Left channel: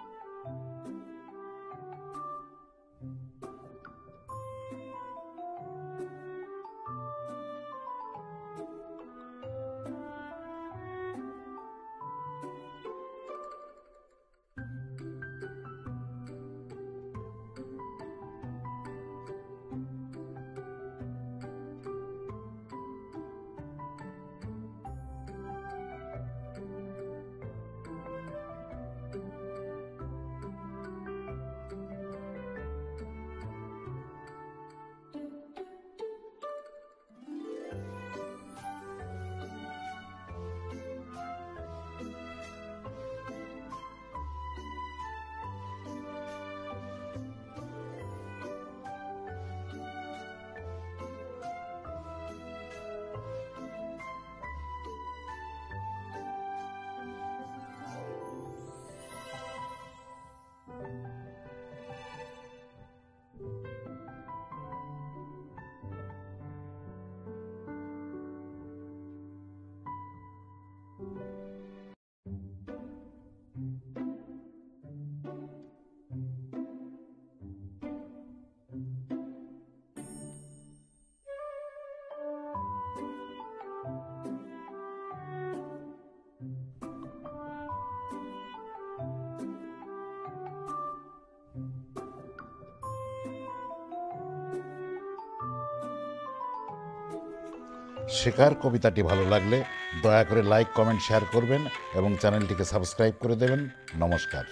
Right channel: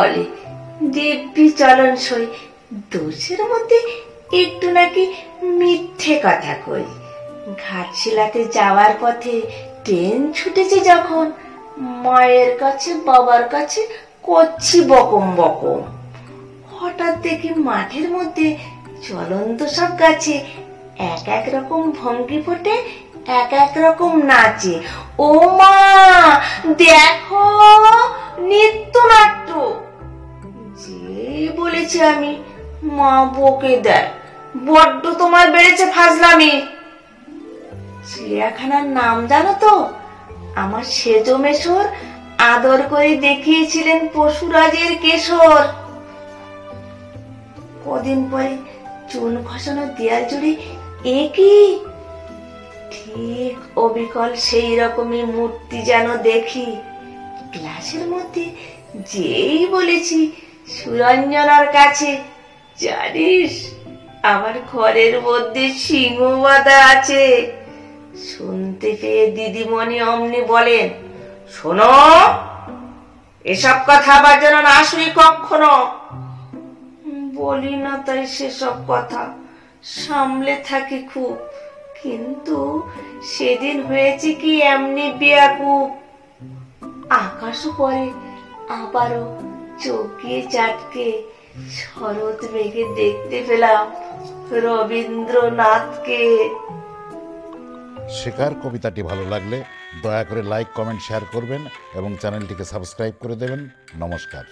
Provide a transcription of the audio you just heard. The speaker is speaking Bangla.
বলে দিব্যি চলন সই, দোষের মধ্যে একটু নাকি মিথ্যে কথা কই। ঘাটশিলাতে যাওয়ার পথে ট্রেন ছুটেছে যখন, মায়ের কাছে বাবার কাছে করছি বকম বকম। হঠাৎ দেখি মাঠের মধ্যে চলন্ত সব গাছে এক এক রকম ভঙ্গি ফোটে, এক এক রকম নাচে। ও মা, দেখো নৃত্যনাট্য! যেই বলেছি আমি, মা বকে দেয়, বড্ড তোমার বেড়েছে ফাজলামি। চিড়িয়াখানার নাম জানো তো? আমার সেজো মেশোর আদর করে দেখিয়েছিলেন পশুরাজের কেশর। কদিন পরে চুন খসানো দেয়াল জুড়ে একই ঠিক অবিকল সেই রকমই মূর্তি যেন দেখি। ক্লাসের মধ্যে যেই বলেছি সুরঞ্জনার কাছে, জানিস আমার ঘরের মধ্যে সিংহ বাঁধা আছে, শুনতে পেয়ে দিদিমণি অমনি বলেন, শোনো, এসব কথা আবার যেন না শুনি কখনো। বলি না তাই সেসব কথা, সামলে থাকি খুব, কিন্তু সেদিন হয়েছে কি এমনি বেয়াকুব। আকাশও পরে আবারও চোখ গিয়ে চাটকে শরৎ মেঘে দেখতে পেলাম রবীন্দ্রনাথকে। শেখার কবিতাটি ভালো লাগলে দয়া করে লাইক, কমেন্ট, শেয়ার করবেন এবং চ্যানেলটিকে সাবস্ক্রাইব করে দেবেন। নমস্কার।